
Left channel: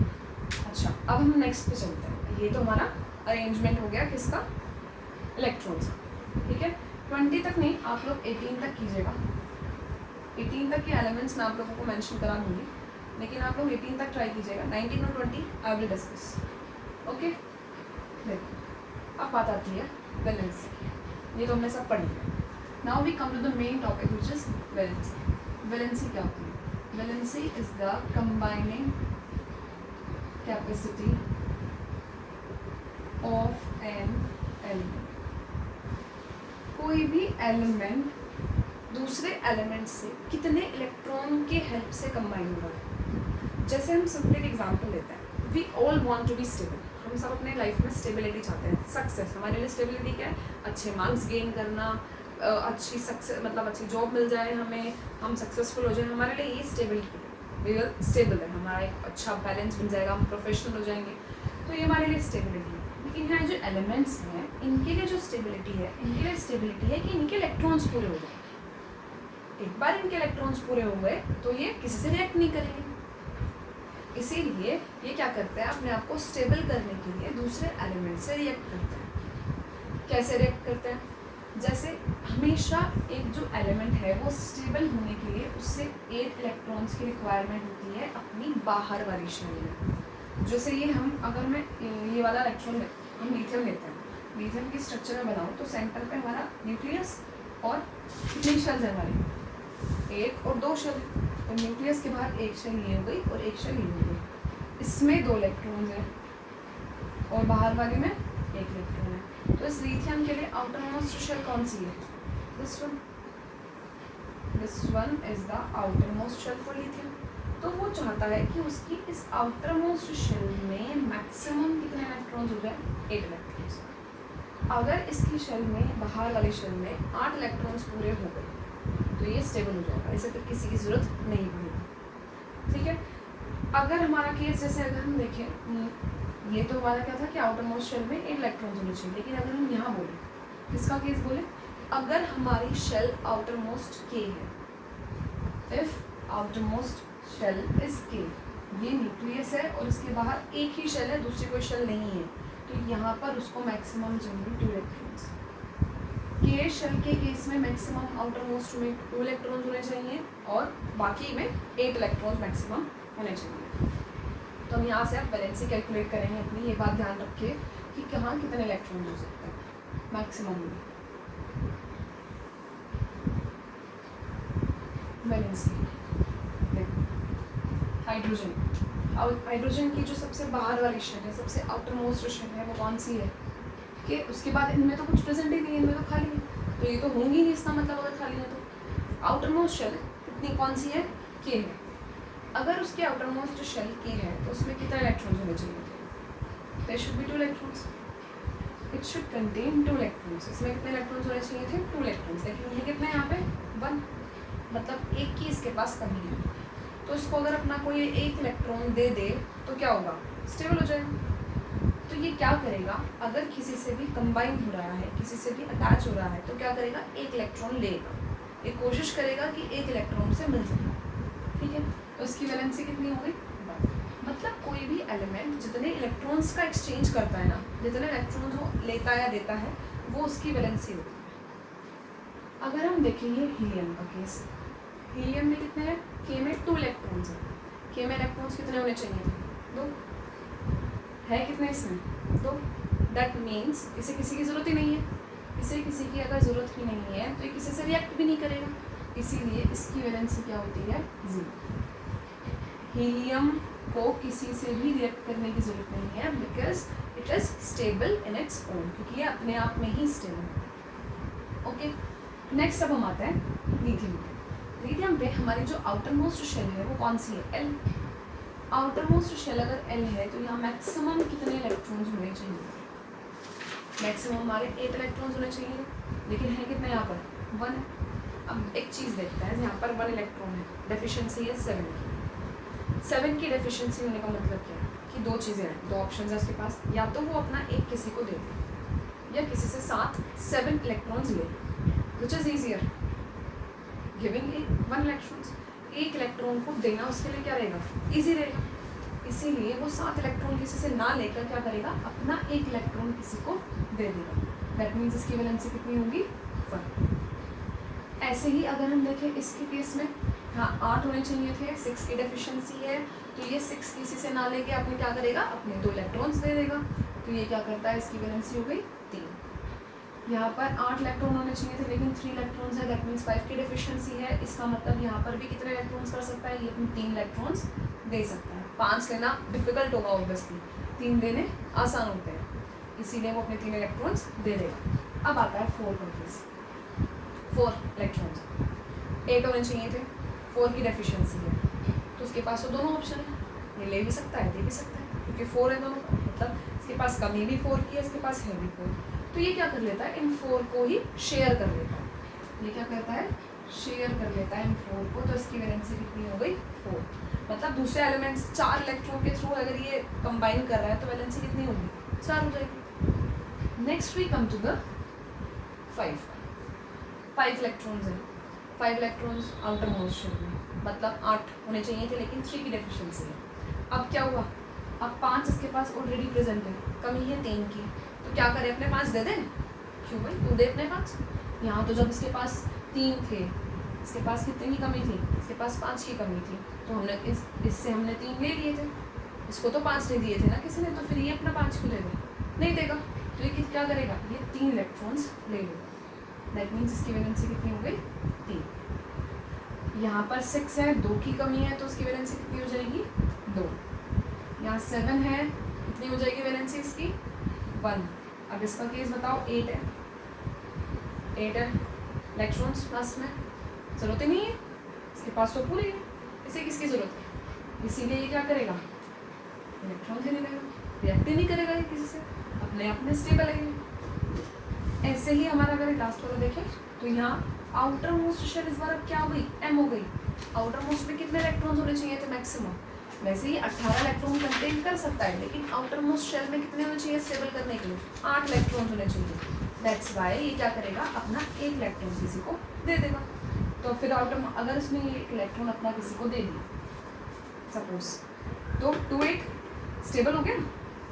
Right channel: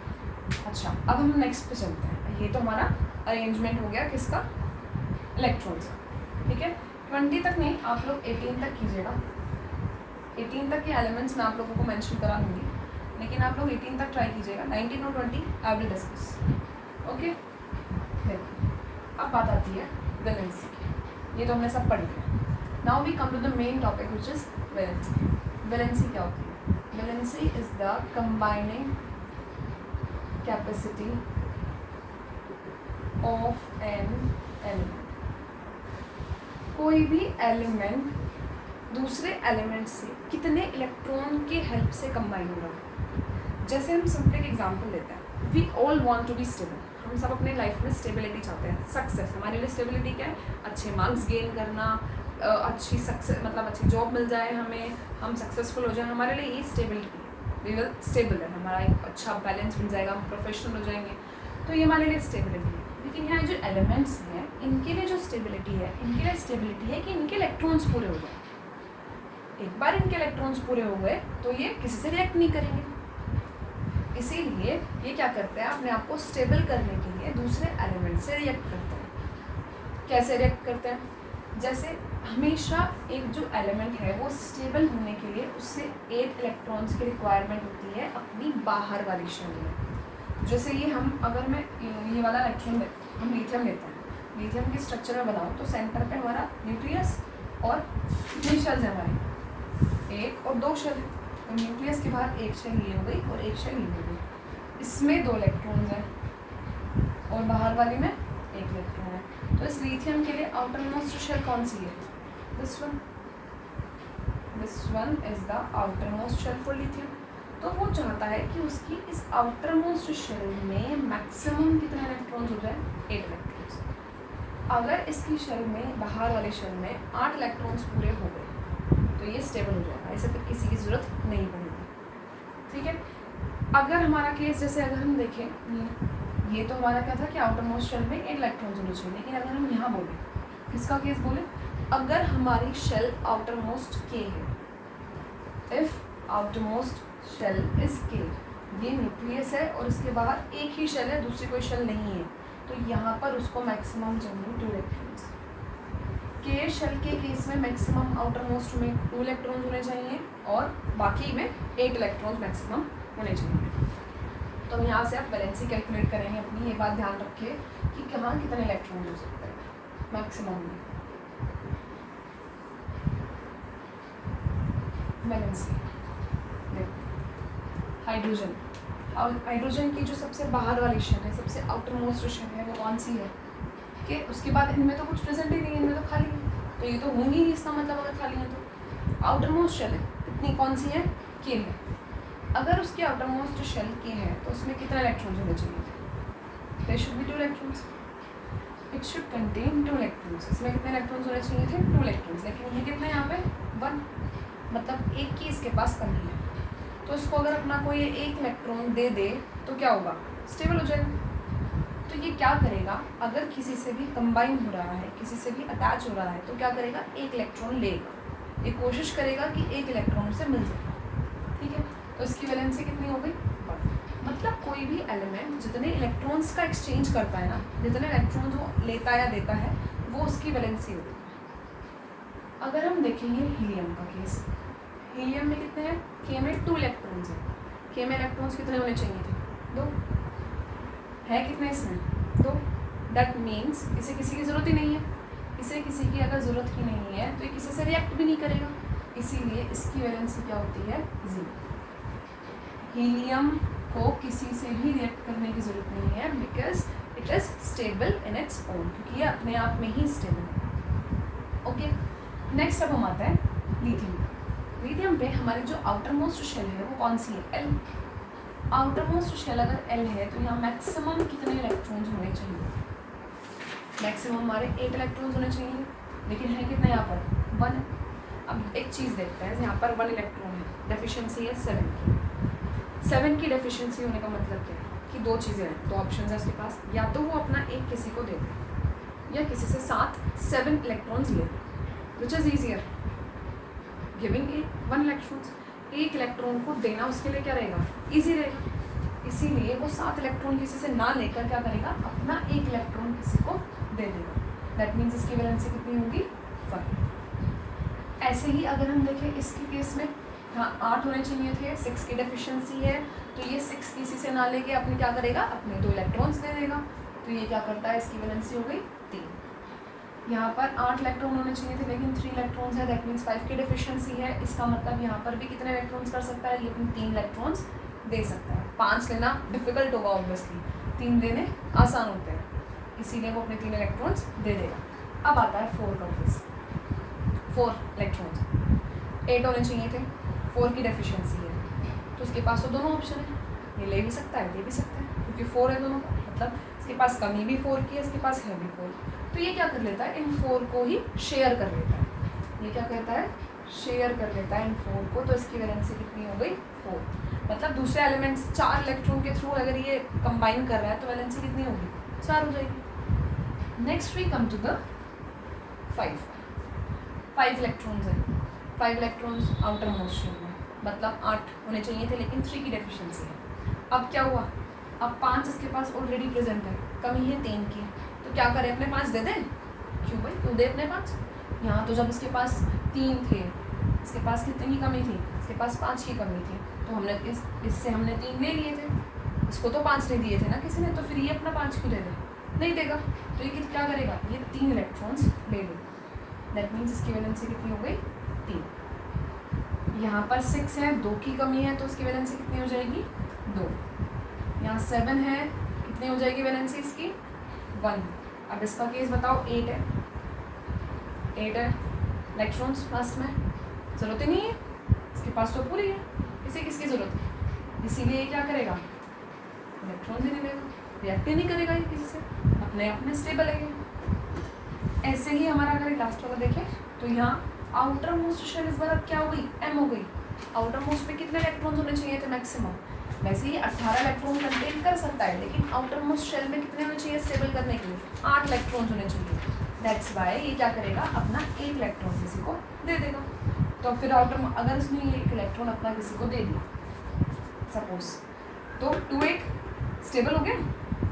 अच्छा, अब हम नेक्स्ट पे चलते हैं। ये तो हमारा अरेंजमेंट हो गया किसका? इलेक्ट्रॉन्स का, ठीक है? 20 तक नहीं, आप लोग 18 तक कीजिएगा। 18 तक के एलिमेंट्स मैं आप लोगों को मेंशन करा दूँगी, लेकिन आप लोग 18 तक ट्राई कीजिएगा। 19 और 20 आई विल डिस्कस, ओके? देखो अब बात आती है वैलेंसी। ये तो हमने सब पढ़ लिया। Now we come to the main topic which is valency. Valency क्या होती है? Valency is the combining capacity of an element. कोई भी एलिमेंट दूसरे एलिमेंट से कितने इलेक्ट्रॉन के हेल्प से कंबाइन होगा। जैसे हम सिंपल एक एग्जांपल लेते हैं, we all want to be stable. हम सब अपने लाइफ में स्टेबिलिटी चाहते हैं, सक्सेस। हमारे लिए स्टेबिलिटी क्या है? अच्छे मार्क्स गेन करना, अच्छी सक्सेस, मतलब अच्छी जॉब मिल जाए हमें, हम सक्सेसफुल हो जाए, हमारे लिए ये स्टेबिलिटी है। वी विल स्टेबल है, हमारा एक अच्छा बैलेंस मिल जाएगा, हम प्रोफेशनल हो जाएंगे, तो ये हमारे लिए स्टेबिलिटी है। लेकिन यहाँ जो एलिमेंट्स हैं, इनके लिए जो स्टेबिलिटी है, इनके लिए स्टेबिलिटी है कि इनके इलेक्ट्रॉन्स पूरे हो जाए। एक बार इनके इलेक्ट्रॉन्स पूरे हो गए तो ये किसी से रिएक्ट नहीं करेंगे। इसीलिए ये क्या करते हैं? अपने आप को स्टेबल करने के लिए दूसरे एलिमेंट से रिएक्ट करते हैं। कैसे रिएक्ट करते हैं? जैसे हमेशा एक जो एलिमेंट है वो स्टेबल होने के लिए उससे 8 इलेक्ट्रॉन्स की रिक्वायरमेंट होती है अपनी बाहर वाली शेल में। जैसे ये हम अगर मैं ये वाला इलेक्ट्रॉन हम लिथियम लेते हैं, लिथियम की स्ट्रक्चर में बनाऊँ तो सेंटर पे हमारा न्यूक्लियस और कितनी शेल्स है हमारी, एक और दो शेल। तो न्यूक्लियस के बाहर एक शेल ये हो गई और एक शेल ये हो गई, इसमें 2 इलेक्ट्रॉन्स हैं और बाहर वाली में 1 इलेक्ट्रॉन है। तो इस लिथियम के लिए आउटर मोस्ट शेल कौन सी है, this one is the outermost shell for lithium. तो वो चाहता है कि उसकी इस आउटर मोस्ट शेल में मैक्सिमम कितने इलेक्ट्रॉन्स हो जाए, 8 इलेक्ट्रॉन्स। अगर इसकी शेल में, बाहर वाले शेल में 8 इलेक्ट्रॉन्स पूरे हो गए तो ये स्टेबल हो जाएगा, इसे फिर किसी की ज़रूरत नहीं पड़ेगी। ठीक है, अगर हमारा केस जैसे अगर हम देखें, ये तो हमारा क्या था कि आउटर मोस्ट शेल में 8 इलेक्ट्रॉन्स होने चाहिए, लेकिन अगर हम यहाँ बोलें, किसका केस बोले, अगर हमारी शेल आउटर मोस्ट के है, if outermost shell is K, ये न्यूक्लियस है और इसके बाहर एक ही शेल है, दूसरी कोई शेल नहीं है, तो यहाँ पर उसको मैक्सिमम चाहिए 2 इलेक्ट्रॉन्स। के शेल के केस में मैक्सिमम आउटर मोस्ट में 2 इलेक्ट्रॉन्स होने चाहिए और बाकी में 8 इलेक्ट्रॉन्स मैक्सिमम होने चाहिए। तो हम यहाँ से आप वैलेंसी कैलकुलेट करेंगे अपनी, ये बात ध्यान रखिए कि कहाँ कितने इलेक्ट्रॉन हो सकते हैं मैक्सिमम में। वैलेंसी हाइड्रोजन, हाइड्रोजन की जो सबसे बाहर वाली शेल है, सबसे आउटर मोस्ट शेल है, वो कौन सी है, कि उसके बाद इनमें तो कुछ प्रेजेंट ही नहीं है, इनमें तो खाली है, तो ये तो होंगी नहीं, इसका मतलब अगर खाली है तो आउटर मोस्ट शेल कितनी कौन सी है, के है। अगर उसके आउटर मोस्ट शेल के है तो उसमें कितने इलेक्ट्रॉन्स होने चाहिए, there should be 2 electrons, it should contain 2 electrons. इसमें कितने इलेक्ट्रॉन्स होने चाहिए थे, 2 इलेक्ट्रॉन्स, लेकिन ये कितने यहाँ पे 1, मतलब एक की इसके पास कमी है। तो इसको अगर अपना कोई 1 इलेक्ट्रॉन दे दे तो क्या होगा, स्टेबल हो जाएगा। तो ये क्या करेगा, अगर किसी से भी कंबाइन हो रहा है, किसी से भी अटैच हो रहा है, तो क्या करेगा, 1 इलेक्ट्रॉन लेगा, ये कोशिश करेगा कि 1 इलेक्ट्रॉन से मिल जाए। ठीक है, तो इसकी वैलेंसी कितनी हो गई, 1। मतलब कोई भी एलिमेंट जितने इलेक्ट्रॉन्स का एक्सचेंज करता है ना, जितने इलेक्ट्रॉन्स वो लेता है या देता है, वो उसकी वैलेंसी होगी। अगर हम देखेंगे हीलियम का केस, हीलियम में कितने हैं, के में 2 इलेक्ट्रॉन्स हैं, के में इलेक्ट्रॉन्स कितने होने चाहिए थे, 2 है, कितने इसमें, 2। दैट मीन्स इसे किसी की ज़रूरत ही नहीं है, इसे किसी की अगर ज़रूरत ही नहीं है तो ये किसी से रिएक्ट भी नहीं करेगा, इसीलिए इसकी वैलेंसी क्या होती है, 0। हीलियम को किसी से भी रिएक्ट करने की ज़रूरत नहीं है, because it is stable in its own, क्योंकि ये अपने आप में ही स्टेबल है। ओके, नेक्स्ट अब हम आते हैं लिथियम। लिथियम पे हमारी जो आउटर मोस्ट शेल है वो कौन सी है, एल। आउटर मोस्ट शेल अगर एल है तो यहाँ मैक्सिमम कितने इलेक्ट्रॉन्स होने चाहिए, मैक्सिमम हमारे 8 इलेक्ट्रॉन्स होने चाहिए, लेकिन है कितना यहाँ पर, 1 है। अब एक चीज़ देखते हैं, यहाँ पर 1 इलेक्ट्रॉन है, डेफिशिएंसी है 7 की। 7 की डेफिशिएंसी होने का मतलब क्या है कि 2 चीज़ें हैं, 2 ऑप्शन है उसके पास, या तो वो अपना एक किसी को दे दे या किसी से साथ 7 इलेक्ट्रॉन्स ले, which is easier, giving 1 electrons. 1 electron को देना उसके लिए क्या रहेगा, ईजी रहेगा, इसीलिए वो 7 इलेक्ट्रॉन किसी से ना लेकर क्या करेगा, अपना 1 इलेक्ट्रॉन किसी को दे देगा। दैट मीन्स इसकी वैलेंसी कितनी होगी, 1। ऐसे ही अगर हम देखें इसके केस में, हाँ 8 होने चाहिए थे, 6 की डेफिशिएंसी है, तो ये 6 किसी से ना लेके अपने क्या करेगा, अपने 2 इलेक्ट्रॉन्स दे देगा, तो ये क्या करता है, इसकी वैलेंसी हो गई 3। यहाँ पर 8 इलेक्ट्रॉन होने चाहिए थे, लेकिन 3 इलेक्ट्रॉन्स है, दैट मीन्स 5 की डेफिशिएंसी है। इसका मतलब यहाँ पर भी कितने इलेक्ट्रॉन्स कर सकता है, ये 3 इलेक्ट्रॉन्स दे सकता है। 5 लेना डिफिकल्ट होगा ऑब्वियसली, 3 देने आसान होते हैं, इसीलिए वो अपने 3 इलेक्ट्रॉन्स दे देगा। अब आता है 4 का केस, 4 इलेक्ट्रॉन्स 8 होने चाहिए थे, 4 की डेफिशिएंसी है, तो उसके पास तो दोनों ऑप्शन है, ये ले भी सकता है, दे भी सकता है, क्योंकि 4 है दोनों का, मतलब इसके पास कमी भी 4 की है, इसके पास है भी 4, तो ये क्या कर लेता है, इन 4 को ही शेयर कर लेता है। ये क्या करता है, शेयर कर लेता है इन 4 को, तो इसकी वैलेंसी कितनी हो गई, 4। मतलब दूसरे एलिमेंट्स 4 इलेक्ट्रॉन के थ्रू अगर ये कंबाइन कर रहा है तो वैलेंसी कितनी होगी, 4 हो जाएगी। Next we come to the 5 electrons हैं, 5 इलेक्ट्रॉन्स आउटर मोस्ट शेल में, मतलब 8 होने चाहिए थे, लेकिन 3 की डेफिशिएंसी है। अब क्या हुआ, अब 5 इसके पास ऑलरेडी प्रेजेंट है, कमी है 3 की, तो क्या करें, अपने 5 दे दें, क्यों भाई, क्यों दे अपने 5, यहाँ तो जब उसके पास 3 थे, इसके पास कितने की कमी थी, इसके पास 5 की कमी थी, तो हमने इससे हमने 3 ले लिए थे, इसको तो 5 नहीं दिए थे ना किसी ने, तो फिर ये अपना 5 क्यों देगा, नहीं देगा, तो ये क्या करेगा, ये 3 इलेक्ट्रॉन्स ले लेगा। दैट मीन्स इसकी वैलेंसी कितनी हो गई, 3। यहाँ पर 6 है, 2 की कमी है, तो उसकी वैलेंसी कितनी हो जाएगी, 2। यहाँ 7 है, कितनी हो जाएगी वैलेंसी इसकी, 1। अब इसका केस बताओ, 8 है, 8 है इलेक्ट्रॉन्स पास में, ज़रूरत ही नहीं है, इसके पास तो पूरी है, इसे किसकी ज़रूरत है, इसीलिए ये क्या करेगा, इलेक्ट्रॉन्स ही नहीं लेगा, रिएक्ट ही नहीं करेगा ये किसी से, अपने आप में स्टेबल है। ऐसे ही हमारा अगर लास्ट वाला देखें तो यहाँ आउटर मोस्ट शेल इस बार अब क्या हो गई, एम हो गई। आउटर मोस्ट में कितने इलेक्ट्रॉन्स होने चाहिए थे मैक्सिमम, वैसे ही 18 इलेक्ट्रॉन कंटेन कर सकता है, लेकिन आउटर मोस्ट शेल में कितने होने चाहिए स्टेबल करने के लिए, 8 इलेक्ट्रॉन्स होने चाहिए। दैट्स वाई ये क्या करेगा, अपना 1 इलेक्ट्रॉन किसी को दे देगा। तो फिर आउटर अगर उसने 1 इलेक्ट्रॉन अपना किसी को दे दिया सपोज, तो 2 8 स्टेबल हो गया,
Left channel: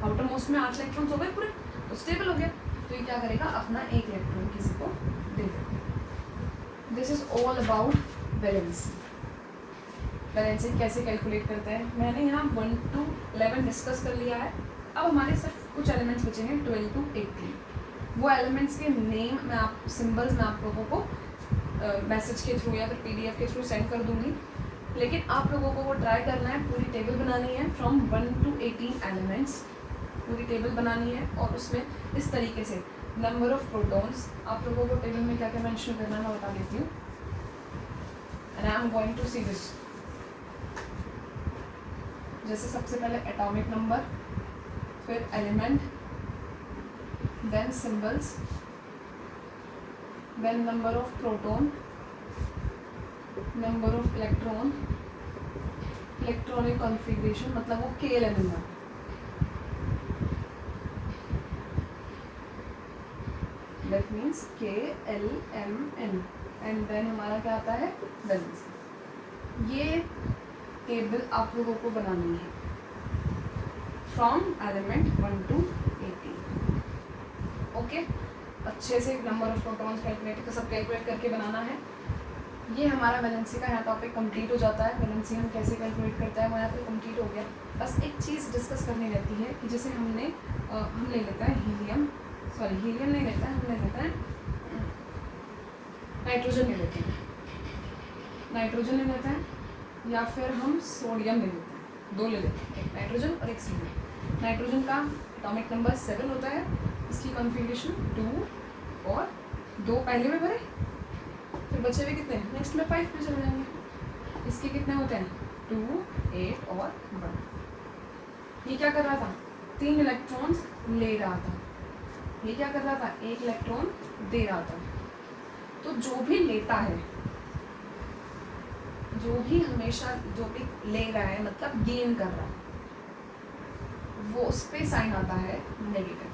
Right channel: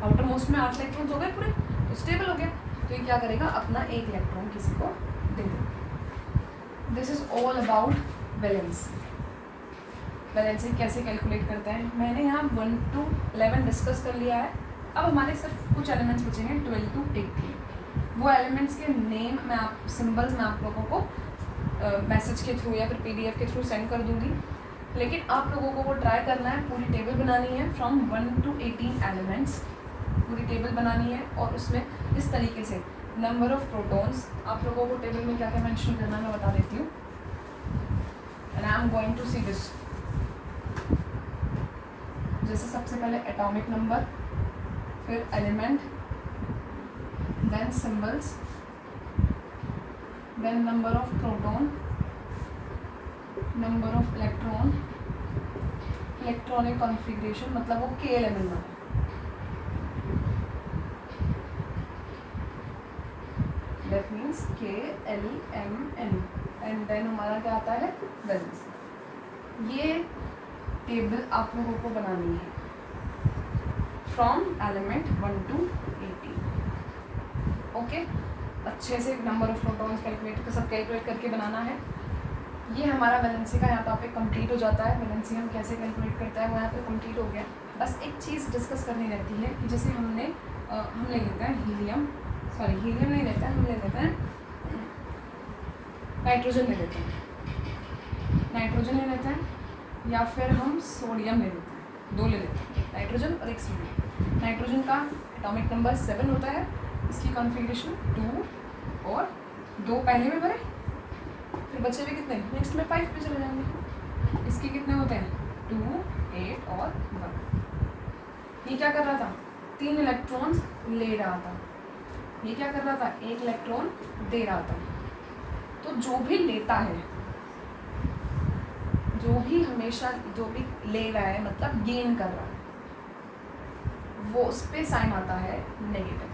आउटर मोस्ट में 8 इलेक्ट्रॉन्स हो गए पूरे, तो स्टेबल हो गया। तो ये क्या करेगा, अपना 1 इलेक्ट्रॉन किसी को दे देगा। This is all about valency. Valency कैसे कैलकुलेट करते हैं, मैंने यहाँ 1 to 11 डिस्कस कर लिया है। अब हमारे सिर्फ कुछ एलिमेंट्स बचे हैं 12 to 18। वो एलिमेंट्स के नेम मैं आप सिंबल्स मैं आप लोगों को मैसेज के थ्रू या फिर PDF के थ्रू सेंड कर दूँगी, लेकिन आप लोगों को वो ट्राई करना है, पूरी टेबल बनानी है फ्रॉम 1 to 18 एलिमेंट्स, पूरी टेबल बनानी है। और उसमें इस तरीके से नंबर ऑफ प्रोटॉन्स, आप लोगों को टेबल में क्या क्या मेंशन करना है मैं बता देती हूँ, and I am going to see this. जैसे सबसे पहले एटॉमिक नंबर, फिर element, then symbols, then number of proton, number of electron, electronic configuration, मतलब वो KLMN में, that means KLMN, and then हमारा क्या आता है वैलेंसी। ये टेबल आप लोगों को बनानी है फ्रॉम एलिमेंट 1 to 18। ओके, अच्छे से नंबर ऑफ प्रोटॉन्स कैलकुलेट सब कैलकुलेट करके बनाना है। ये हमारा वैलेंसी का यहाँ टॉपिक कंप्लीट हो जाता है। वैलेंसी हम कैसे कैलकुलेट करता है वो यहाँ पे कंप्लीट हो गया। बस एक चीज़ डिस्कस करनी रहती है कि जैसे हम ले लेते हैं हीलियम नहीं लेते हैं, हम ले लेते हैं नाइट्रोजन ले लेते हैं, या फिर हम सोडियम ले लेते हैं, 2 ले लेते हैं, नाइट्रोजन और एक सोडियम। नाइट्रोजन का एटॉमिक नंबर 7 होता है, इसकी कॉन्फ़िगरेशन 2 और 2 पहले में भरे, फिर बचे हुए कितने नेक्स्ट में 5 पे चले जाएंगे। इसके कितने होते हैं 2 8 और 1। ये क्या कर रहा था, 3 इलेक्ट्रॉन्स ले रहा था, ये क्या कर रहा था 1 इलेक्ट्रॉन दे रहा था। तो जो भी लेता है, जो भी हमेशा जो भी ले रहा है मतलब गेन कर रहा है, वो उस पर साइन आता है नेगेटिव,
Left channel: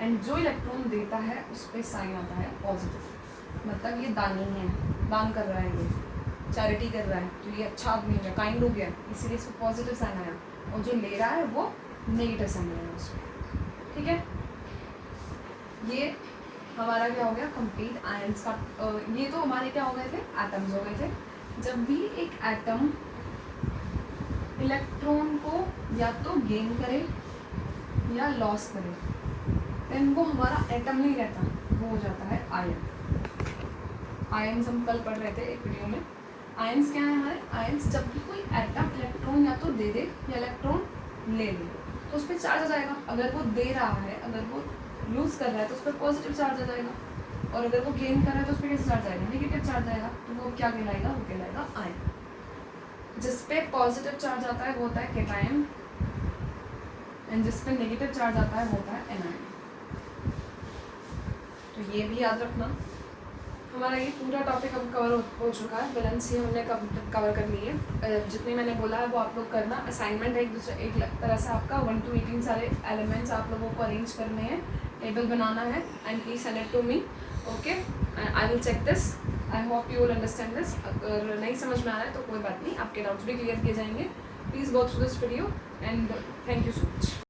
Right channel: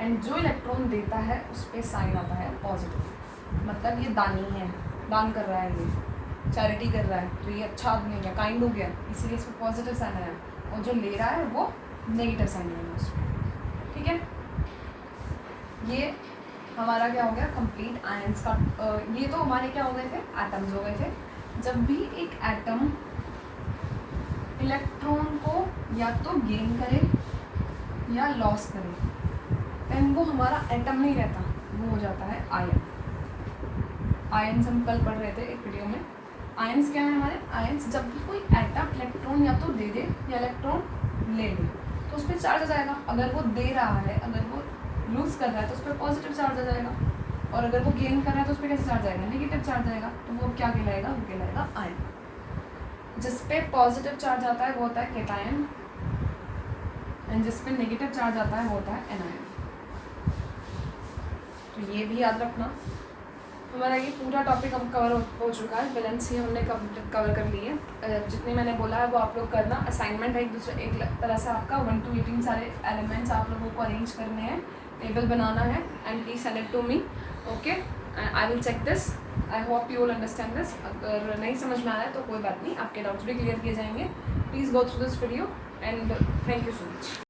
एंड जो इलेक्ट्रॉन देता है उस पर साइन आता है पॉजिटिव। मतलब ये दानी है, दान कर रहा है, ये चैरिटी कर रहा है, तो ये अच्छा आदमी हो गया, काइंड हो गया, इसीलिए इसको पॉजिटिव साइन आया, और जो ले रहा है वो नेगेटिव साइन आया उस पर। ठीक है, ये हमारा क्या हो गया कंप्लीट आयंस का। ये तो हमारे क्या हो गए थे, एटम्स हो गए थे। जब भी एक एटम इलेक्ट्रॉन को या तो गेन करे या लॉस करे, देन वो हमारा एटम नहीं रहता, वो हो जाता है आयन। आयंस हम कल पढ़ रहे थे एक वीडियो में। आयंस क्या है हमारे, आयंस जब भी कोई एटम इलेक्ट्रॉन या तो दे दे या इलेक्ट्रॉन ले ले, तो उस पर चार्ज आ जाएगा। अगर वो दे रहा है, अगर वो लूज़ कर रहा है तो उस पर पॉजिटिव चार्ज आ जाएगा, और अगर वो गेन कर रहा है तो उस पर कैसे चार्ज आएगा, नेगेटिव चार्ज आएगा। तो वो क्या कहलाएगा, वो कहलाएगा आयन। जिस पे पॉजिटिव चार्ज आता है वो होता है कैटायन, एंड जिस पे नेगेटिव चार्ज आता है वो होता है एनायन। तो ये भी याद रखना। हमारा ये पूरा टॉपिक अब कवर हो चुका है। वैलेंसी हमने कवर कर ली है। जितनी मैंने बोला है वो आप लोग करना। असाइनमेंट है एक तरह से आपका 1 to 18 सारे एलिमेंट्स आप लोगों को अरेंज करने हैं, टेबल बनाना है, and please send it to me. Okay, I will check this. I hope you will understand this. अगर नहीं समझ में आ रहा है तो कोई बात नहीं, आपके डाउट्स भी क्लियर किए जाएंगे। Please go through this video and thank you so much.